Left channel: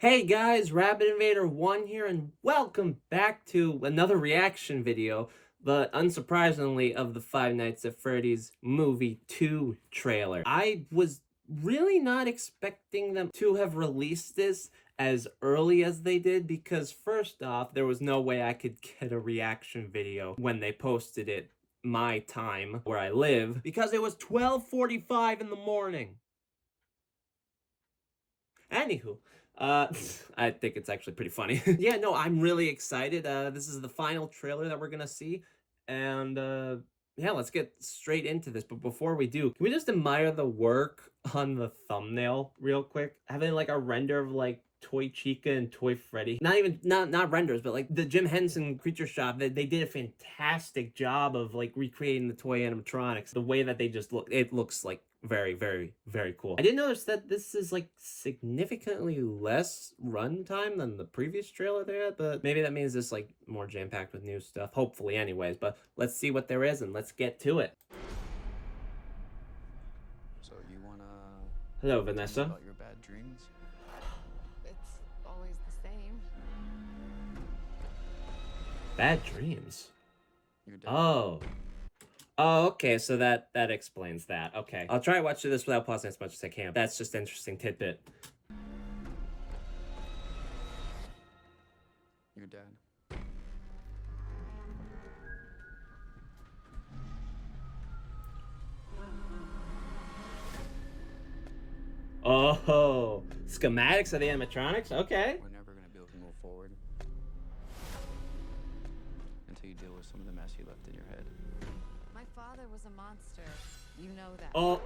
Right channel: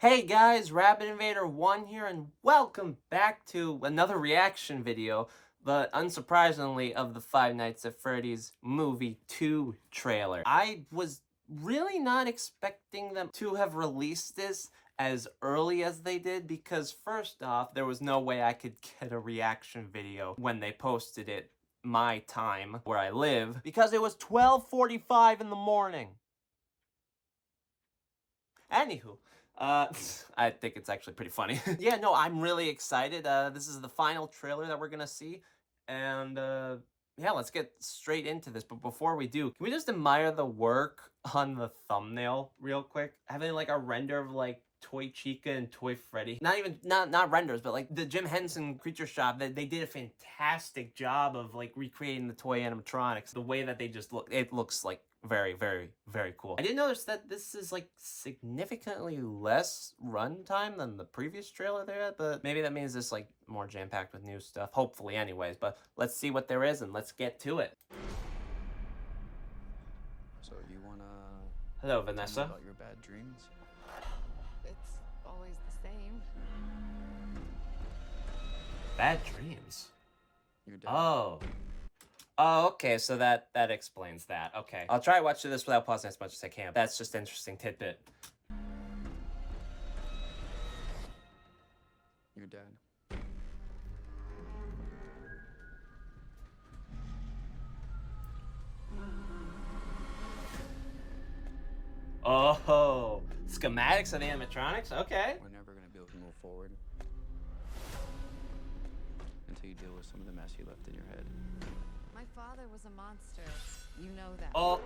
Hey guys, Rabbit Invader 1 here, and welcome back to another reaction video, but unsurprisingly of the Five Nights at Freddy's Movie 2 trailer. I was really not expecting them to have released this as early as they did, because first off, there was no way I could get a reaction video when they posted it my time where I live, because it was 12:45 in the morning. Anywho, I think it's actually pretty funny. Yeah, no, I'm really excited. This is the final trailer that we're gonna see, and yeah, let's get straight into this. But before we do, can we just admire the work on the thumbnail real quick? Having like a render of like Toy Chica and Toy Freddy. Not renders, but like the Jim Henson Creature Shop. They did a fantastic job of like recreating the toy animatronics. The way that they just look, it looks like very, very, very cool. I did notice that this is like significantly less runtime than the previous trailer they had, but maybe that means it's like more jam-packed with new stuff. Hopefully, anyways. But let's see what there is and let's get to it. So you wanna Hello, tell me Vanessa. about your bad dreams? It's always the same. Bad dreams. You're dead. Oh. Oh, okay, so that explains that. Okay. I'll try to watch this without pausing as much as I can. That's just an interesting tidbit. You're dead. Oh, schematics of the animatronics? Okay. We're never gonna be able to move forward until you deal with some of the mess you left in your head. My father was a monster. You know that. Oh.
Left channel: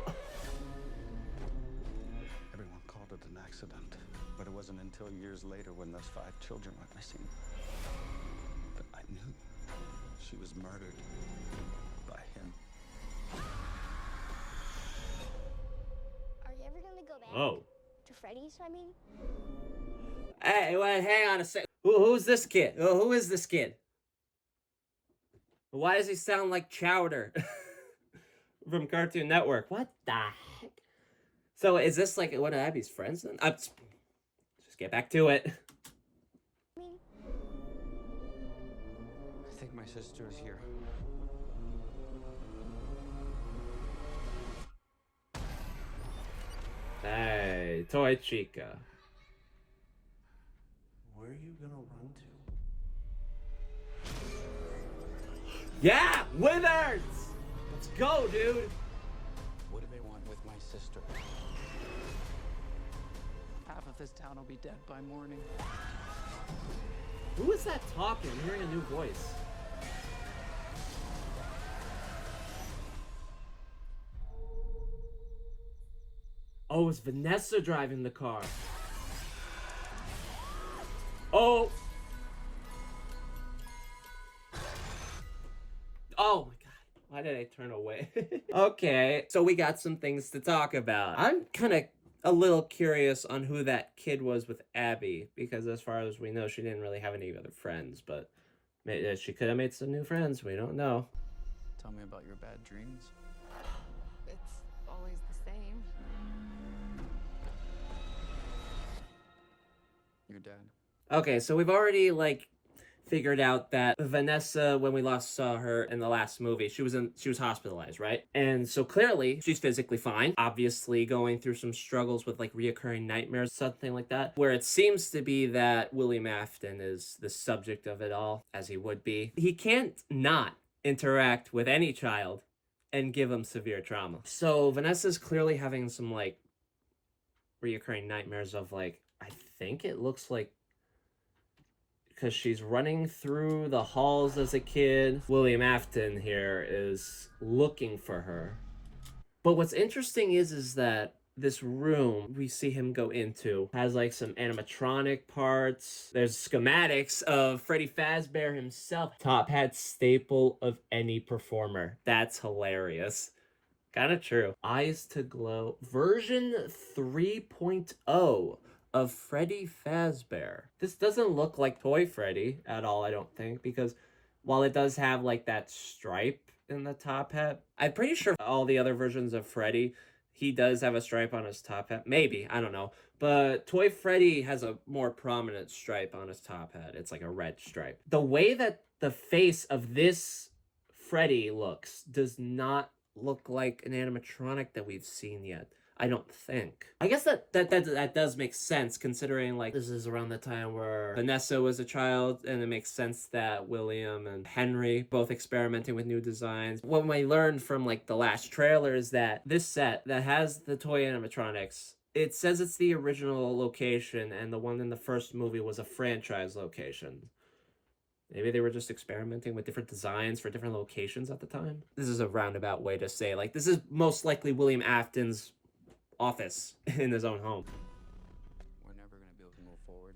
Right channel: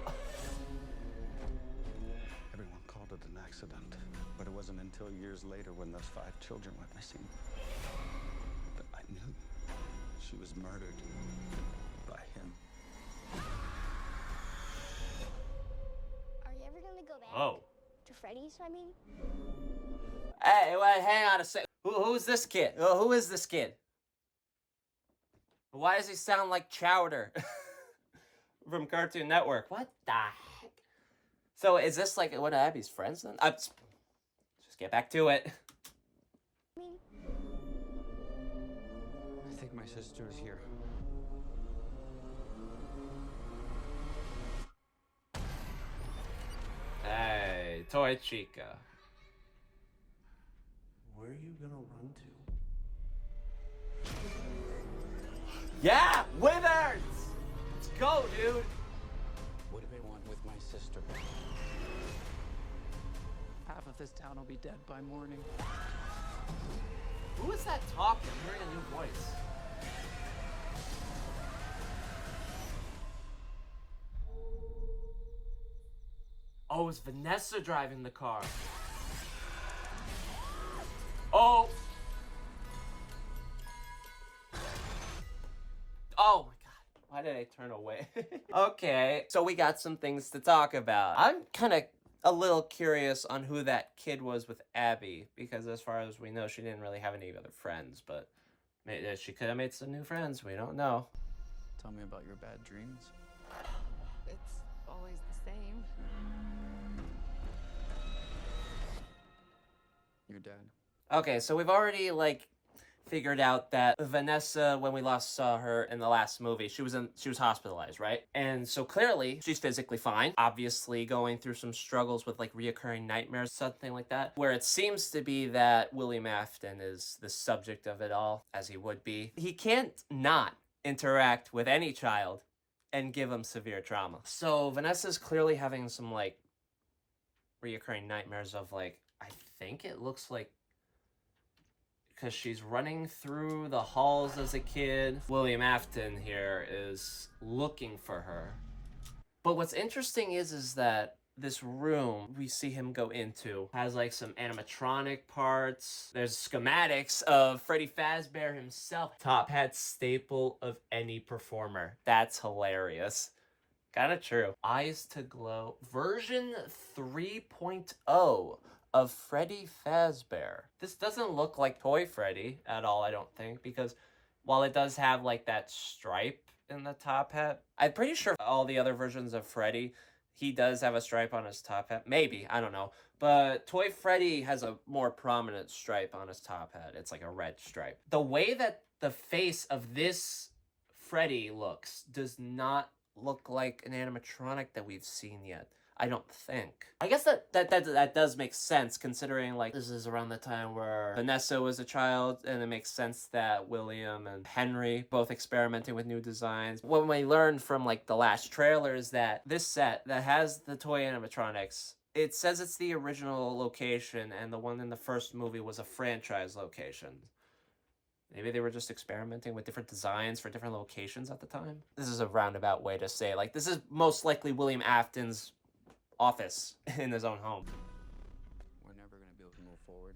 Everyone called it an accident, but it wasn't until years later when those 5 children went missing that I knew she was murdered by him. Are you ever gonna go back Oh. to Freddy's, I mean? Hey, wait, hang on a sec. Who's this kid? Who is this kid? Why does he sound like Chowder from Cartoon Network? What the heck? So is this like one of Abby's friends then? Just get back to it. I mean, I think my sister is here. Hey, Toy Chica. Where are you gonna run to? Yeah, Withers! Let's go, dude. What do they want with my sister? Half of this town will be dead by morning. Who is that talking? I'm hearing a new voice. Oh, it's Vanessa driving the car. Oh. Oh my God. Why did I turn away? Okay, so we got some things to talk about. I'm kind of a little curious on who that kid was with Abby, because as far as we know, she didn't really have any other friends, but maybe she could have made some new friends. We don't know. Tell me about your bad dreams. It's always the same. You're dead. Okay, so we've already like figured out that Vanessa, when we last saw her in the last movie, she was hospitalized, right? And so clearly she's physically fine, obviously going through some struggles with like reoccurring nightmares, something like that, where it seems to be that William Afton is the subject of it all, as he would be. He can't not interact with any child and give them severe trauma. So Vanessa's clearly having some like reoccurring nightmares of like, I think it looks like, because she's running through the halls as a kid. William Afton here is looking for her. But what's interesting is that this room we see him go into has like some animatronic parts. There's schematics of Freddy Fazbear himself. Top hat staple of any performer. That's hilarious. Kind of true. Eyes to Glow version 3.0 of Freddy Fazbear. This doesn't look like Toy Freddy at all, I don't think, because while it does have like that stripe in the top hat, I'm pretty sure all the other versions of Freddy He does have a stripe on his top hat. Maybe, I don't know. But Toy Freddy has a more prominent stripe on his top hat. It's like a red stripe. The way that the face of this Freddy looks does not look like an animatronic that we've seen yet. I don't think. I guess that does make sense, considering like this is around the time where Vanessa was a child, and it makes sense that William and Henry both experimenting with new designs. What we learned from like the last trailer is that this set that has the toy animatronics, it says it's the original location, and the one in the first movie was a franchise location. Maybe they were just experimenting with different designs for different locations at the time. This is a roundabout way to say, like, this is most likely William Afton's office in his own home. We're never going to be able to move forward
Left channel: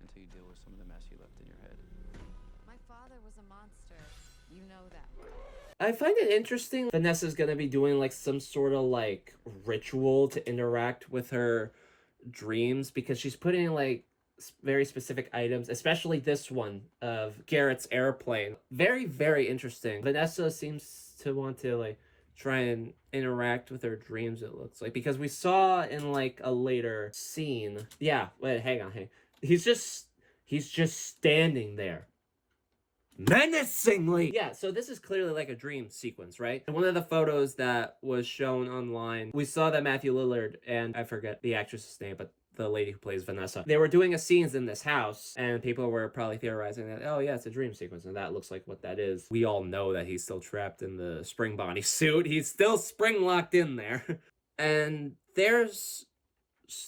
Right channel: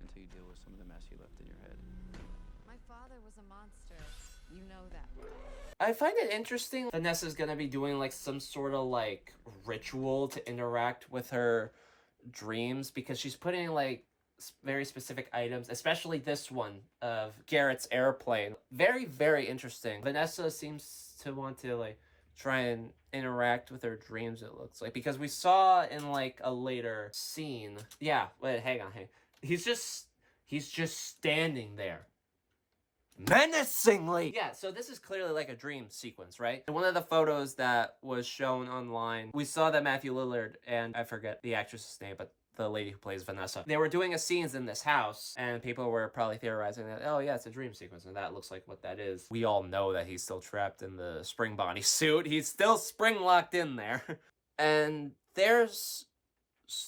until you deal with some of the mess you left in your head. My father was a monster. You know that. I find it interesting Vanessa's gonna be doing like some sort of like ritual to interact with her dreams, because she's putting like very specific items, especially this one of Garrett's airplane. Very, very interesting. Vanessa seems to want to like try and interact with her dreams, it looks like, because we saw in like a later scene. Yeah, wait, hang on. He's just standing there menacingly. Yeah, so this is clearly like a dream sequence, right? And one of the photos that was shown online, we saw that Matthew Lillard and I forget the actress's name, but the lady who plays Vanessa, they were doing a scenes in this house, and people were probably theorizing that, oh yeah, it's a dream sequence, and that looks like what that is. We all know that he's still trapped in the spring body suit. He's still spring locked in there. And there's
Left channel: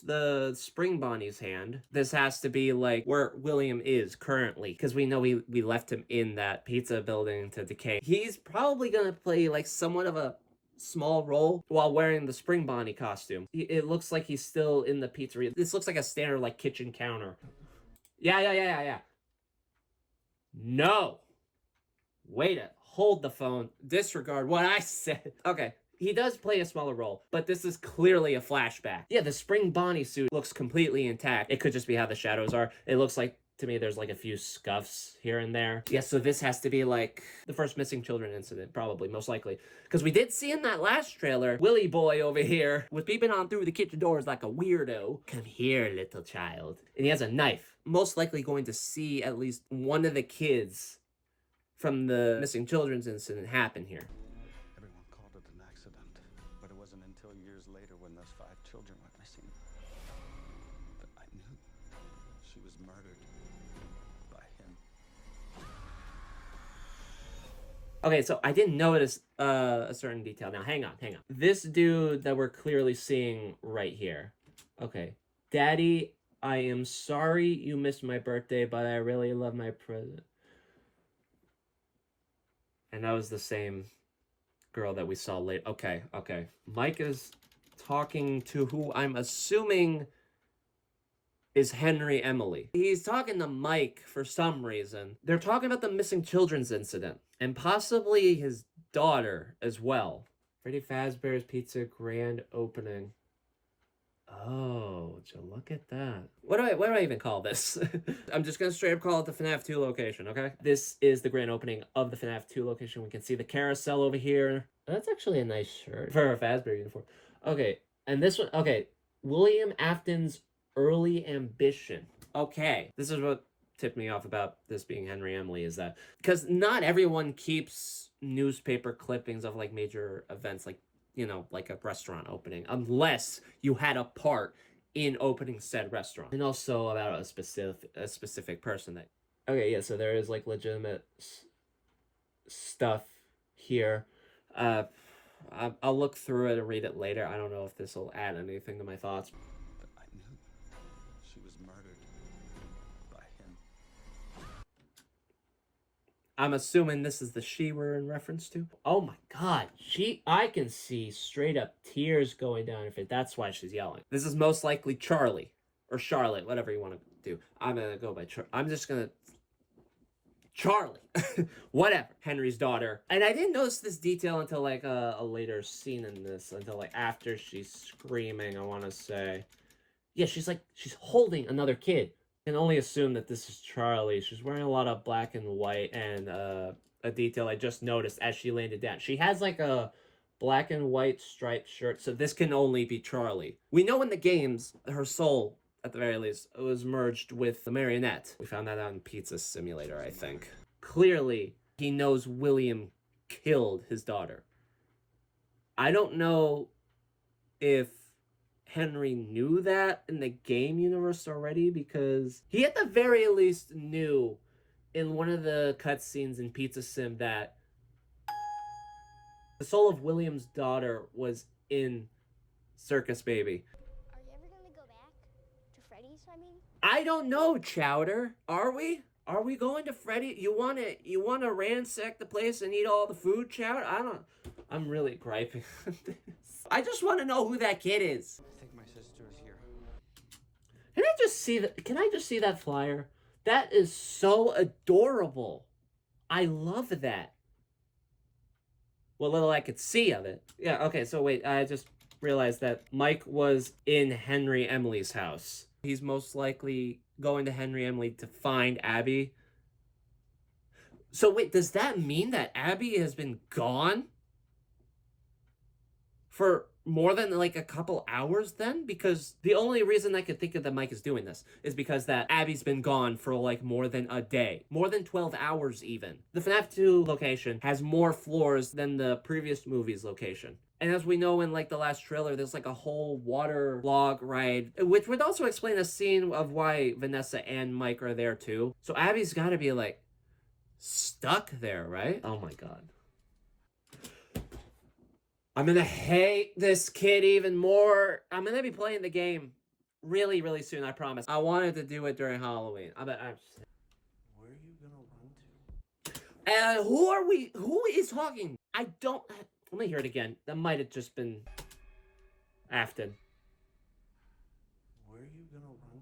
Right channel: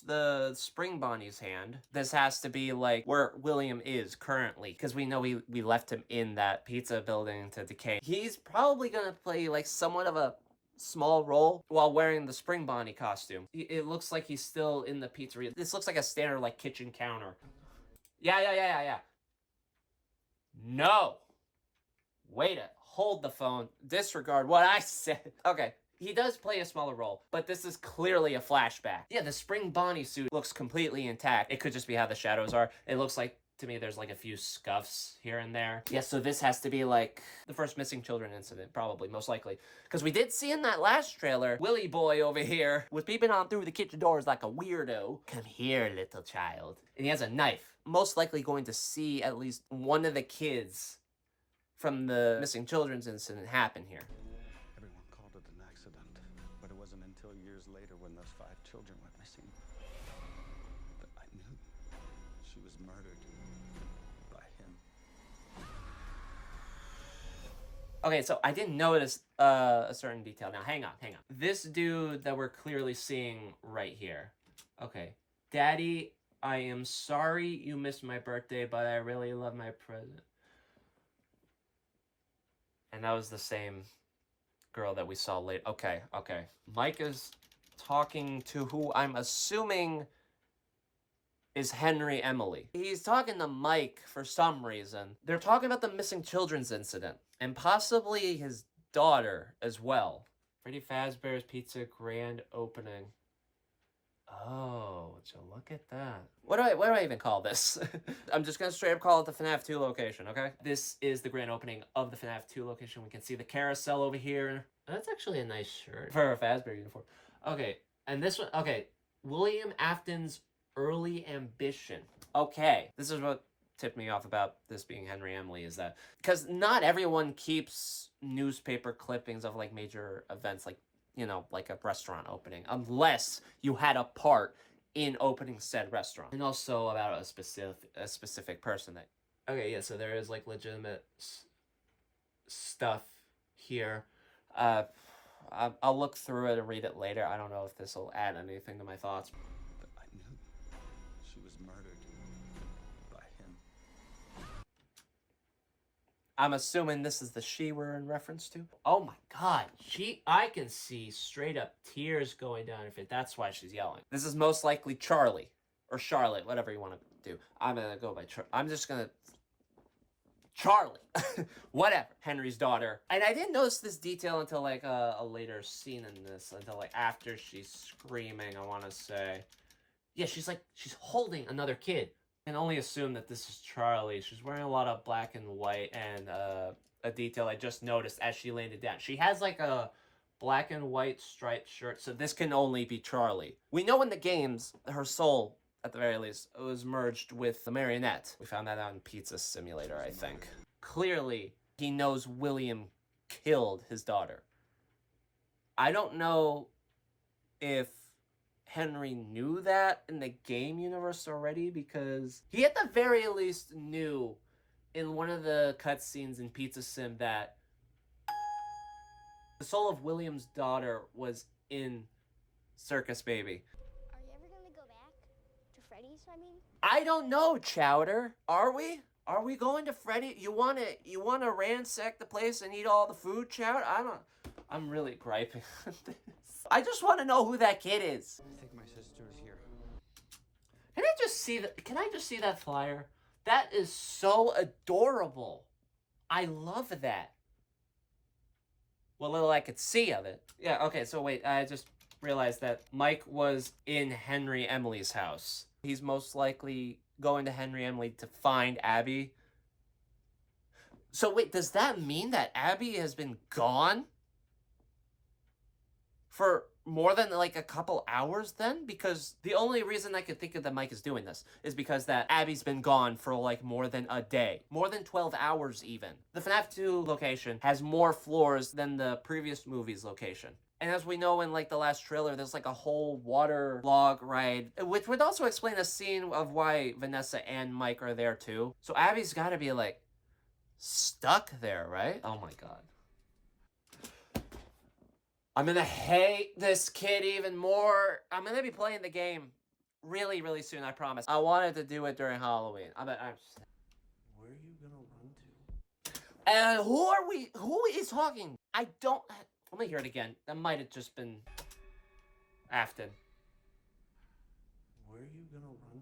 the spring Bonnie's hand. This has to be like where William is currently, because we know we left him in that pizza building to decay. He's probably gonna play like somewhat of a small role while wearing the spring Bonnie costume. It looks like he's still in the pizzeria. This looks like a standard like kitchen counter. Yeah. No. Wait a, hold the phone. Disregard what I said. Okay. He does play a smaller role, but this is clearly a flashback. Yeah, the spring Bonnie suit looks completely intact. It could just be how the shadows are. It looks like, to me, there's like a few scuffs here and there. Yeah, so this has to be like the first missing children incident, probably, most likely. Because we did see in that last trailer, Willy boy over here was peeping on through the kitchen doors like a weirdo. Come here, little child. And he has a knife. Most likely going to see at least one of the kids from the missing children's incident happen here. Everyone called it an accident, but it wasn't until years later when those 5 children went missing that I knew she was murdered by him. Okay, so I didn't notice a certain detail. Now, hang on. This dude that we're clearly seeing right here. Okay. Daddy, I am sorry you missed my birthday, but I really love my present. And that was the same girl that we saw later. Okay. Mike is talking to who I'm assuming is Henry Emily. He's talking to Mike for some reason. They're talking about the missing children's incident, and possibly his daughter as well. Freddy Fazbear's Pizza grand opening. Oh, so look at that. What do I even call this? I'm just gonna straight up call it the FNAF 2 location, okay? This is the grand opening of the FNAF 2 location. We can see the carousel over here. That's actually a nice shirt for a Fazbear uniform. Okay, and this one, okay. William Afton's Early Ambition. Okay, this is what tipped me off about this being Henry Emily, is that because not everyone keeps newspaper clippings of like major events, like, you know, like a restaurant opening, unless you had a part in opening said restaurant. And also about a specific person that... Okay, yeah, so there is like legitimate stuff here. I'll look through it and read it later. I don't know if this will add anything to my thoughts. But I knew she was murdered by him. I'm assuming this is the she we're in reference to. Oh my god, I can see straight up tears going down her face. That's why she's yelling. This is most likely Charlie, or Charlotte, whatever you want to do. I'm gonna go by Charlie. Whatever. Henry's daughter. And I didn't notice this detail until like a later scene in this, until like after she's screaming, I want to say. Yeah, she's holding another kid. I can only assume that this is Charlie. She's wearing a lot of black and white, and a detail I just noticed as she landed down. She has like a black and white striped shirt. So this can only be Charlie. We know in the games, her soul, at the very least, was merged with the marionette. We found that out in Pizza Simulator, I think. Clearly, he knows William killed his daughter. I don't know if Henry knew that in the game universe already, because he at the very least knew in one of the cutscenes in Pizza Sim that the soul of William's daughter was in Circus Baby. Are you ever gonna go back to Freddy's? I mean, I don't know, Chowder. Are we? Are we going to Freddy? You wanna ransack the place and eat all the food, Chowder? I'm really griping. I just want to know who that kid is. I think my sister is here. Can I just see that flyer? That is so adorable. I love that. What little I could see of it. Yeah, okay, so wait, I just realized that Mike was in Henry Emily's house. He's most likely going to Henry Emily to find Abby. So wait, does that mean that Abby has been gone for more than like a couple hours then? Because the only reason I could think of that Mike is doing this is because that Abby's been gone for like more than a day. More than 12 hours even. The FNAF 2 location has more floors than the previous movie's location. And as we know in like the last trailer, there's like a whole water log ride, which would also explain a scene of why Vanessa and Mike are there too. So Abby's gotta be like stuck there, right? Oh my god. I'm gonna hate this kid even more. I'm gonna be playing the game really, really soon, I promise. I wanted to do it during Halloween. Where are you gonna run to? And who is talking? I don't, let me hear it again. That might have just been Afton. Where are you gonna run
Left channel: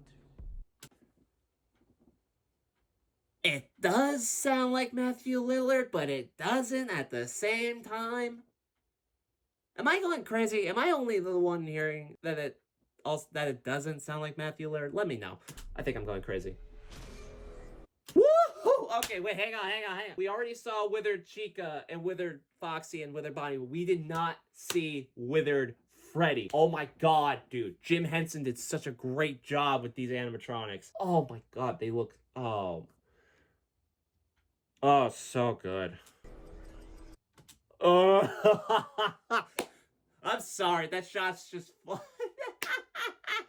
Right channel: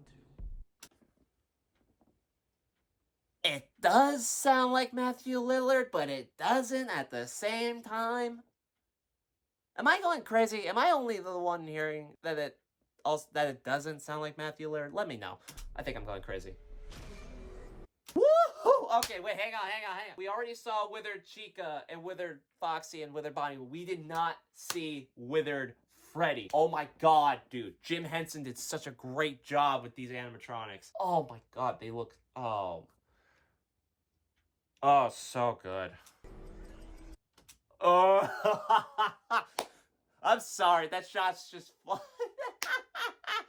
to? It does sound like Matthew Lillard, but it doesn't at the same time. Am I going crazy? Am I only the one hearing that it doesn't sound like Matthew Lillard? Let me know. I think I'm going crazy. Woohoo! Okay, wait, hang on. We already saw Withered Chica and Withered Foxy and Withered Bonnie. We did not see Withered Freddy. Oh my god, dude. Jim Henson did such a great job with these animatronics. Oh my god, they look... Oh, so good. Oh, I'm sorry. That shot's just fun.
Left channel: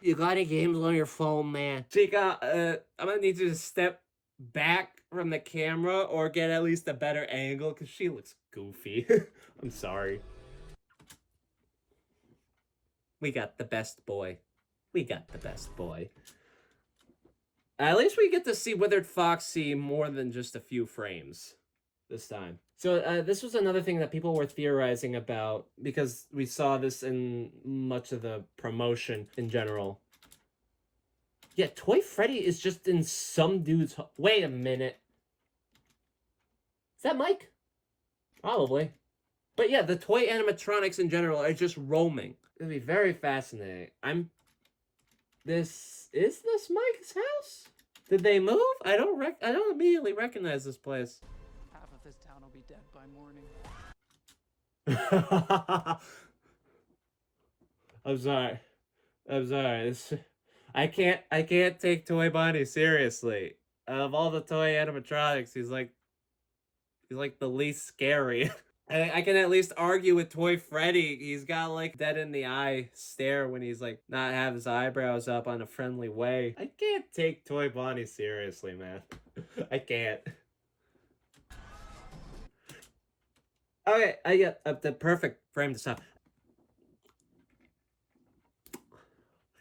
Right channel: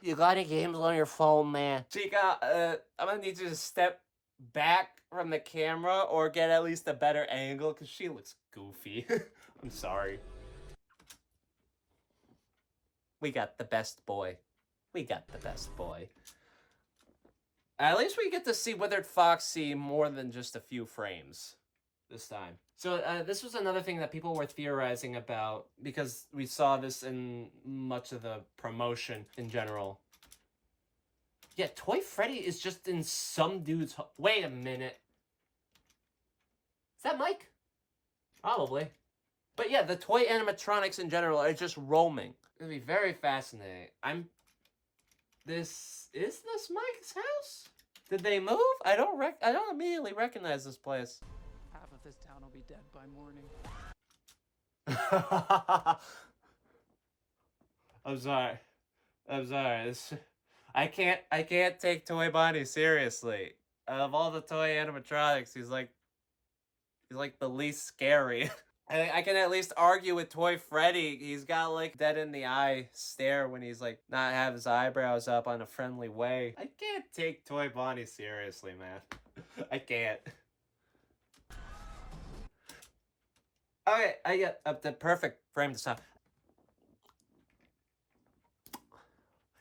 You got any games on your phone, man? Chica, I'm gonna need you to step back from the camera or get at least a better angle because she looks goofy. I'm sorry. We got the best boy. At least we get to see Withered Foxy more than just a few frames this time. So this was another thing that people were theorizing about because we saw this in much of the promotion in general. Yeah, Toy Freddy is just in some dude's... Wait a minute. Is that Mike? Probably. But yeah, the toy animatronics in general are just roaming. It's gonna be very fascinating. Is this Mike's house? Did they move? I don't immediately recognize this place. Half of this town will be dead by morning. I'm sorry. I can't take Toy Bonnie seriously. Of all the toy animatronics, he's like the least scary. I can at least argue with Toy Freddy. He's got like dead in the eye stare when he's like not have his eyebrows up on a friendly way. I can't take Toy Bonnie seriously, man. I can't. Okay, I get the perfect frame to stop.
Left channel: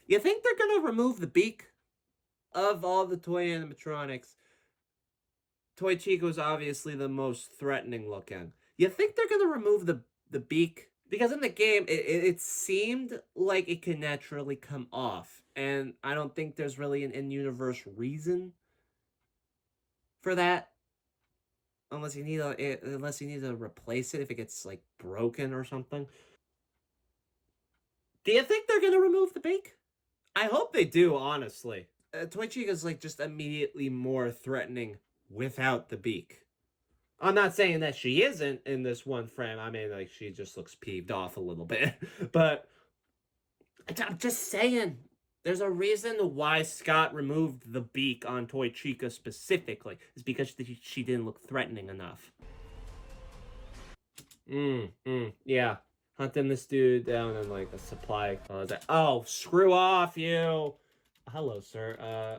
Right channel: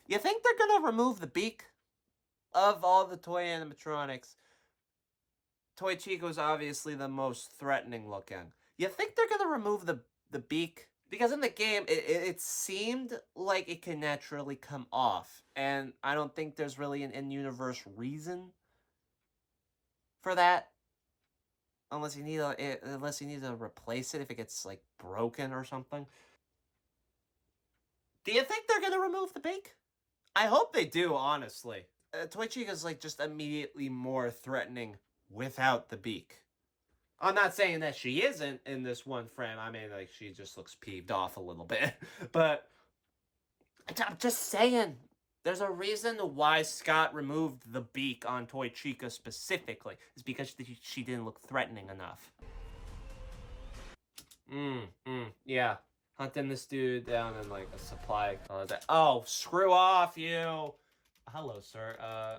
You think they're gonna remove the beak of all the toy animatronics? Toy Chico's obviously the most threatening looking. You think they're gonna remove the beak? Because in the game, it seemed like it could naturally come off. And I don't think there's really an in-universe reason for that. Unless you need to replace it if it gets like broken or something. Do you think they're gonna remove the beak? I hope they do, honestly. Toy Chica's like just immediately more threatening without the beak. I'm not saying that she isn't in this one frame. I mean, like, she just looks peeved off a little bit. But I'm just saying, there's a reason why Scott removed the beak on Toy Chica specifically. It's because she didn't look threatening enough. Yeah. Hunting this dude down in, like, a supply closet. Oh, screw off, you! Hello, sir.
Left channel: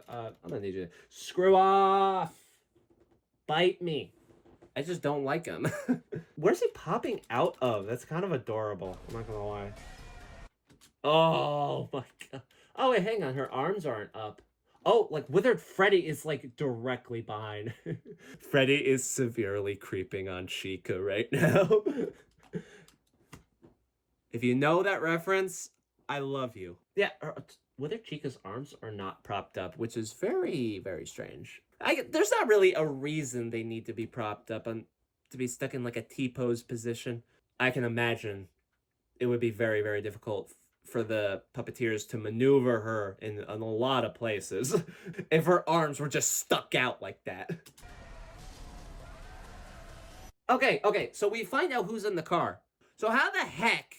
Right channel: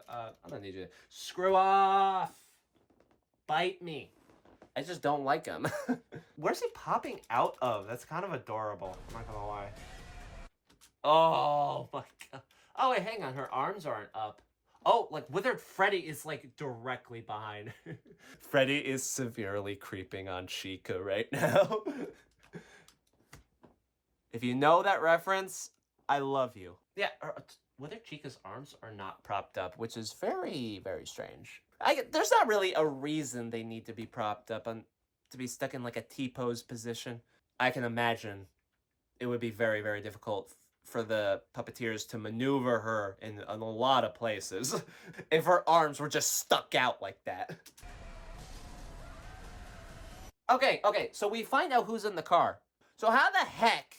I'm gonna need you to... Screw off! Bite me. I just don't like him. Where's he popping out of? That's kind of adorable. I'm not gonna lie. Oh, my God. Oh, wait, hang on. Her arms aren't up. Oh, like, Withered Freddy is, like, directly behind. Freddy is severely creeping on Chica right now. If you know that reference, I love you. Yeah, Withered Chica's arms are not propped up, which is very, very strange. There's not really a reason they need to be propped up to be stuck in, like, a T-pose position. I can imagine it would be very, very difficult for the puppeteers to maneuver her in a lot of places if her arms were just stuck out like that. Okay, so we find out who's in the car. So how the heck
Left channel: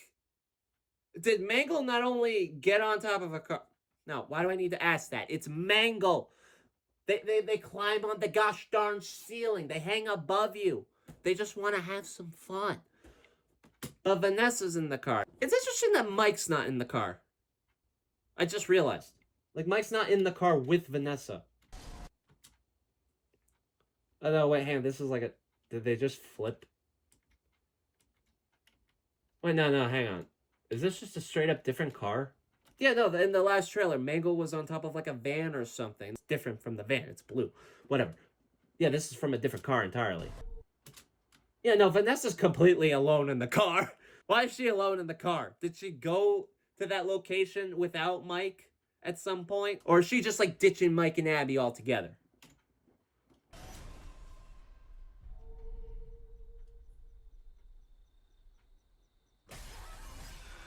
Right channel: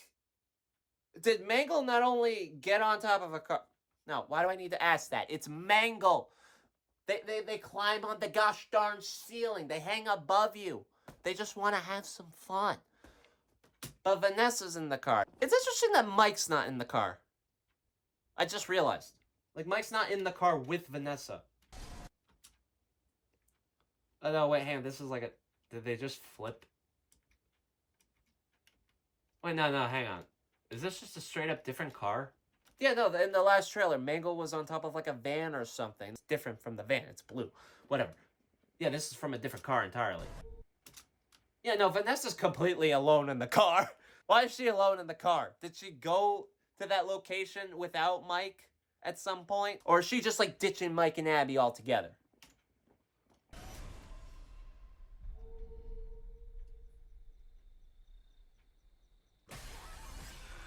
did Mangle not only get on top of a car? No, why do I need to ask that? It's Mangle. They climb on the gosh darn ceiling. They hang above you. They just want to have some fun. But Vanessa's in the car. It's interesting that Mike's not in the car. I just realized. Like, Mike's not in the car with Vanessa. Oh, no, wait, hang on. This is like a... Did they just flip? Wait, no, hang on. Is this just a straight-up different car? Yeah, no, in the last trailer, Mangle was on top of, like, a van or something. It's different from the van. It's blue. Whatever. Yeah, this is from a different car entirely. Yeah, no, Vanessa's completely alone in the car. Why is she alone in the car? Did she go to that location without Mike at some point? Or is she just, like, ditching Mike and Abby altogether?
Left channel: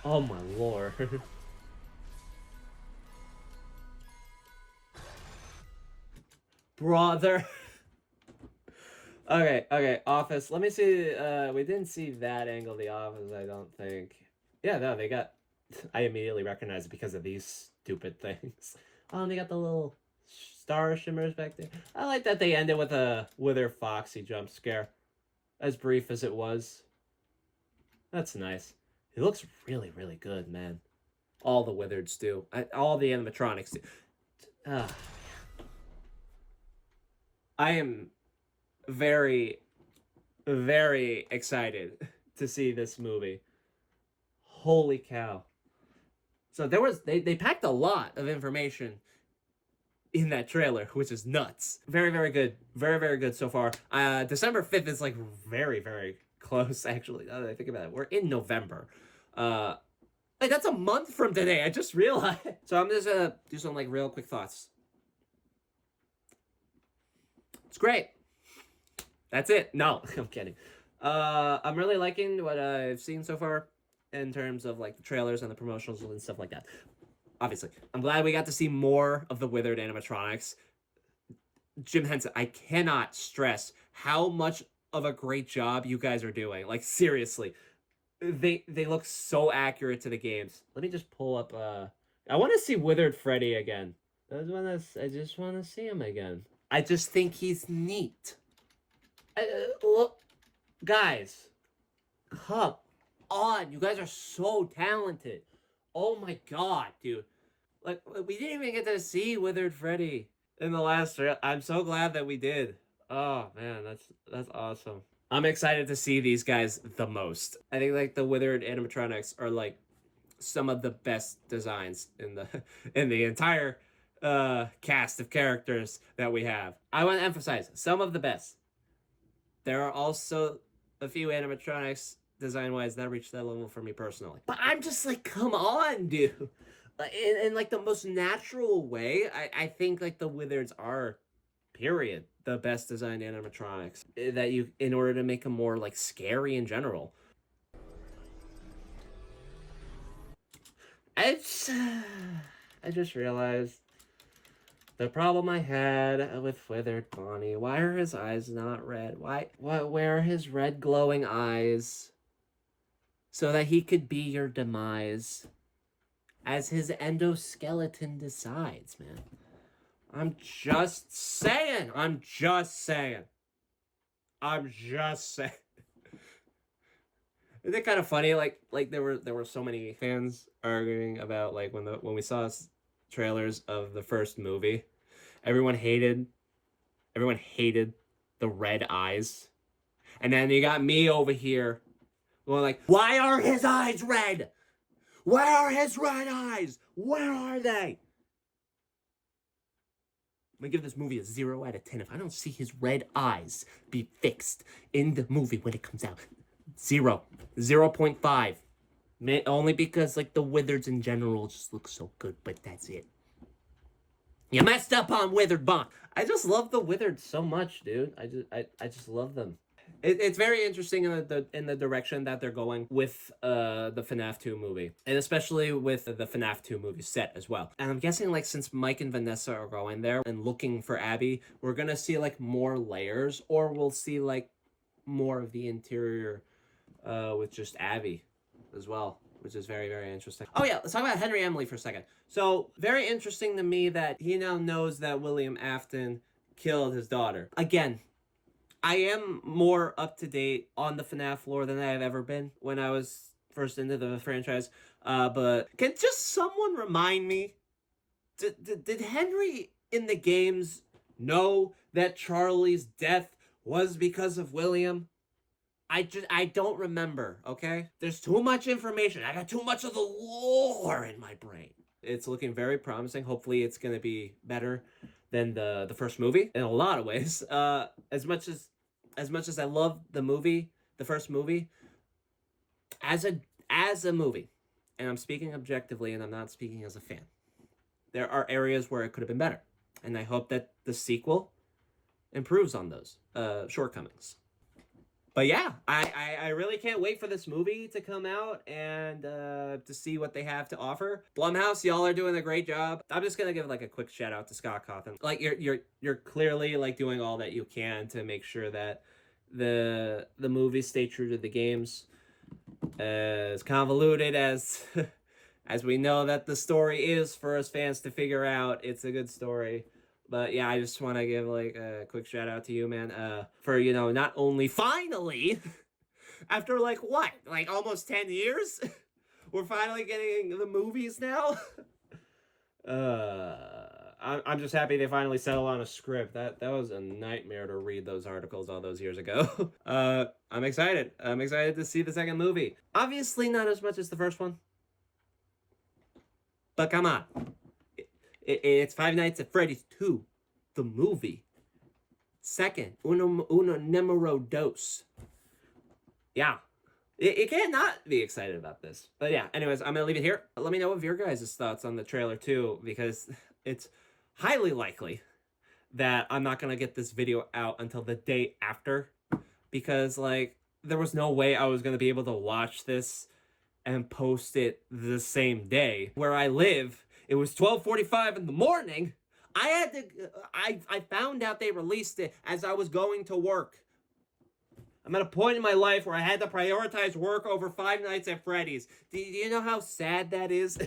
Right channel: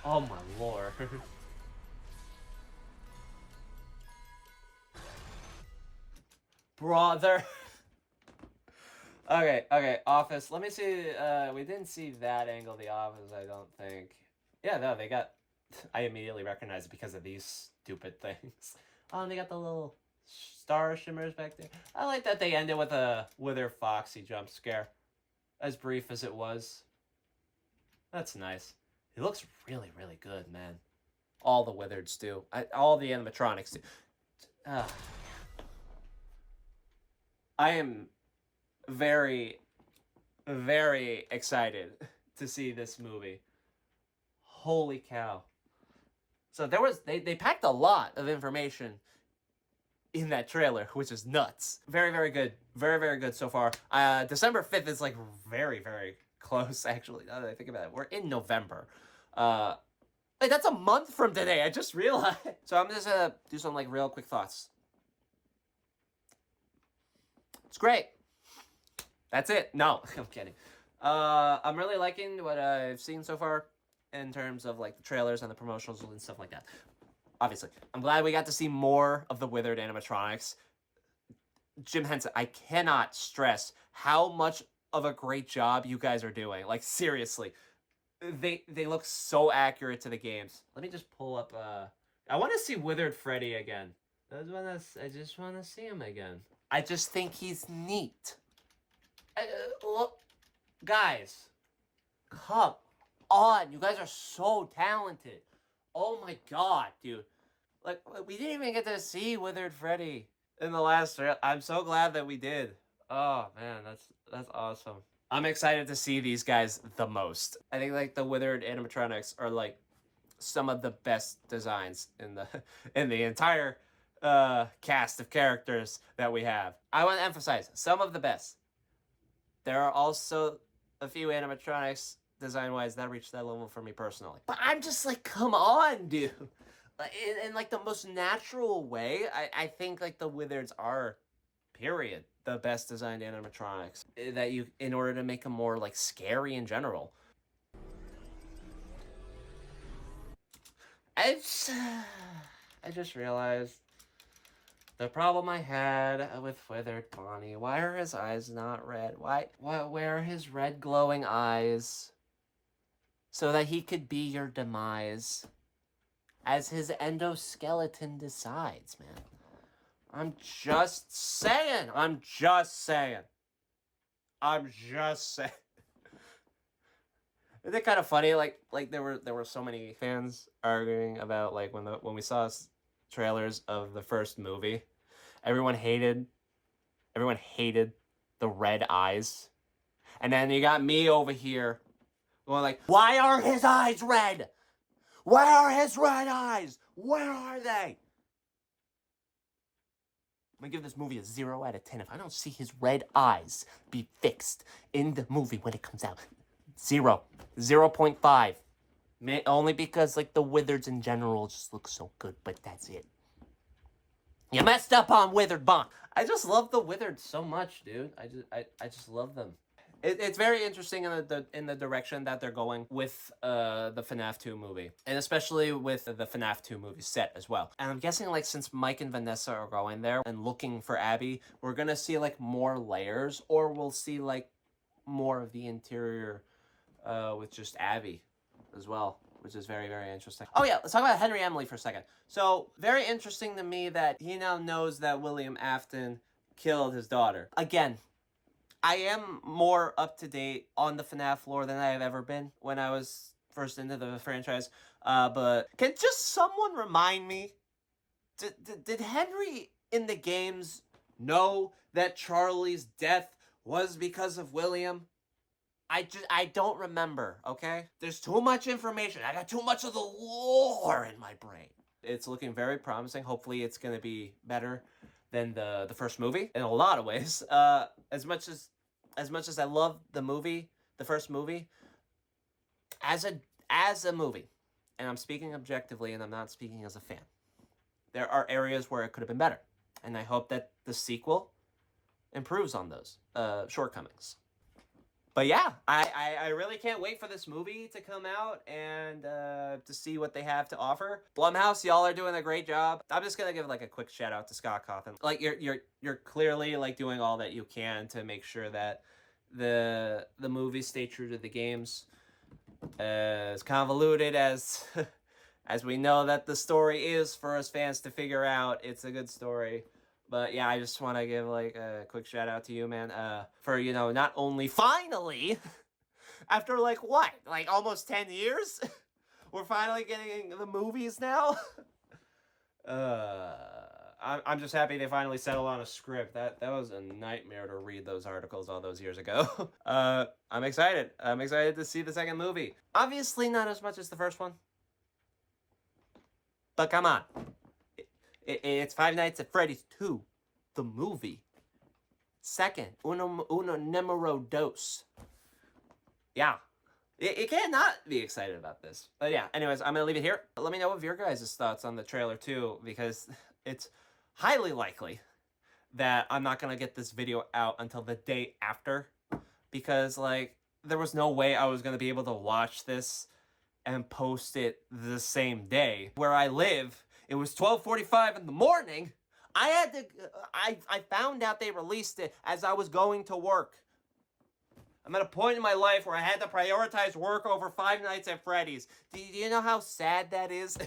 Oh, my lord. Brother. Okay, Office. Let me see. We didn't see that angle of the Office, I don't think. Yeah, no, they got... I immediately recognized it because of these stupid things. Oh, and they got the little star shimmers back there. I like that they ended with a Wither Foxy jump scare. As brief as it was. That's nice. It looks really, really good, man. All the Withereds do. All the animatronics do. I am very, very excited to see this movie. Holy cow. So they packed a lot of information in that trailer, which is nuts. Very, very good. Very, very good so far. December 5th is, like, very, very close, actually, now that I think about it. We're in November. Like, that's a month from today. I just realized. So I'm just gonna do some, like, real quick thoughts. It's great. That's it. No, I'm kidding. I'm really liking what I've seen so far in terms of, like, the trailers and the promotionals and stuff like that. Obviously, I'm glad we got to see more of the Withered animatronics. Jim Henson, I cannot stress how much of a great job you guys are doing. Like, seriously. They look so accurate to the games. Let me just pull up, I want to see Withered Freddy again. I just want to see him again. I just think he's neat. Look, guys, come on. You guys are so talented. Oh my god, dude. Like, we didn't even get to see Withered Freddy in the last trailer. I'm so glad that we did. Oh, man, that's awesome. I'm excited to see these guys the most. I think, like, the Withered animatronics are, like, some of the best designs in the entire cast of characters that we have. I want to emphasize, some of the best. There are also a few animatronics, design-wise, that reach that level for me personally. But I'm just like, come on, dude. In like, the most natural way, I think, like, the Withereds are, period, the best designed animatronics. That you, in order to make them more, like, scary in general. I just realized The problem I had with Withered Bonnie. Why are his eyes not red? Where are his red glowing eyes? So that he could be your demise. As his endoskeleton decides, man. I'm just saying. I'm just saying. Isn't it kind of funny? Like there were so many fans arguing about like when we saw trailers of the first movie, everyone hated the red eyes, and then you got me over here going like, why are his eyes red? Where are his red eyes? Where are they? I'm gonna give this movie a 0 out of 10 if I don't see his red eyes be fixed in the movie when it comes out. 0. 0.5. Only because, like, the wizards in general just look so good, but that's it. You messed up on Withered Bonnie. I just love the Wizards so much, dude. I just love them. It's very interesting in the direction that they're going with the FNAF 2 movie, and especially with the FNAF 2 movie set as well. And I'm guessing, like, since Mike and Vanessa are going there and looking for Abby, we're gonna see like more layers, or we'll see like more of the interior with just Abby as well, which is very, very interesting. Oh yeah, let's talk about Henry Emily for a second. So, very interesting to me that he now knows that William Afton killed his daughter. Again, I am more up to date on the FNAF lore than I have ever been when I was first into the franchise. But can just someone remind me, did Henry in the games know that Charlie's death was because of William? I don't remember, okay? There's too much information. I got too much of the lore in my brain. It's looking very promising. Hopefully it's going to be better than the first movie in a lot of ways. As much as I love the movie, the first movie, as a movie, and I'm speaking objectively and I'm not speaking as a fan, there are areas where it could have been better. And I hope that the sequel improves on those shortcomings. But yeah, I really can't wait for this movie to come out and to see what they have to offer. Blumhouse, y'all are doing a great job. I'm just gonna give like a quick shout out to Scott Cawthon. Like you're clearly like doing all that you can to make sure that the movies stay true to the games. As convoluted as as we know that the story is for us fans to figure out, it's a good story. But yeah, I just want to give like a quick shout out to you, man, for, you know, not only finally, after like what, like almost 10 years, we're finally getting the movies now. I'm just happy they finally settled on a script. That was a nightmare to read those articles all those years ago. I'm excited. I'm excited to see the second movie. Obviously not as much as the first one, but come on. It's Five Nights at Freddy's 2, the movie. Second, uno numero dos. Yeah. You can't not be excited about this. But yeah, anyways, I'm going to leave it here. Let me know what your guys' thoughts on the trailer too, because it's highly likely that I'm not going to get this video out until the day after. Because, like, there was no way I was going to be able to watch this and post it the same day. Where I live, it was 12:45 in the morning. I found out they released it as I was going to work. I'm at a point in my life where I had to prioritize work over Five Nights at Freddy's. Do you know how sad that is?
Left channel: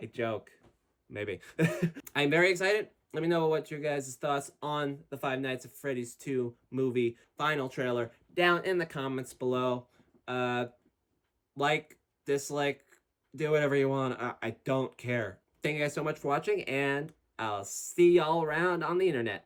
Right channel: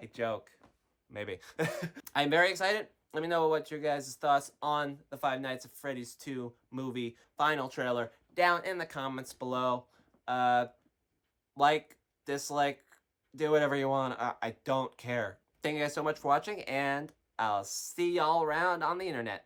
I joke. Maybe. I'm very excited. Let me know what your guys' thoughts on the Five Nights at Freddy's 2 movie final trailer down in the comments below. Like, dislike, do whatever you want. I don't care. Thank you guys so much for watching, and I'll see y'all around on the internet.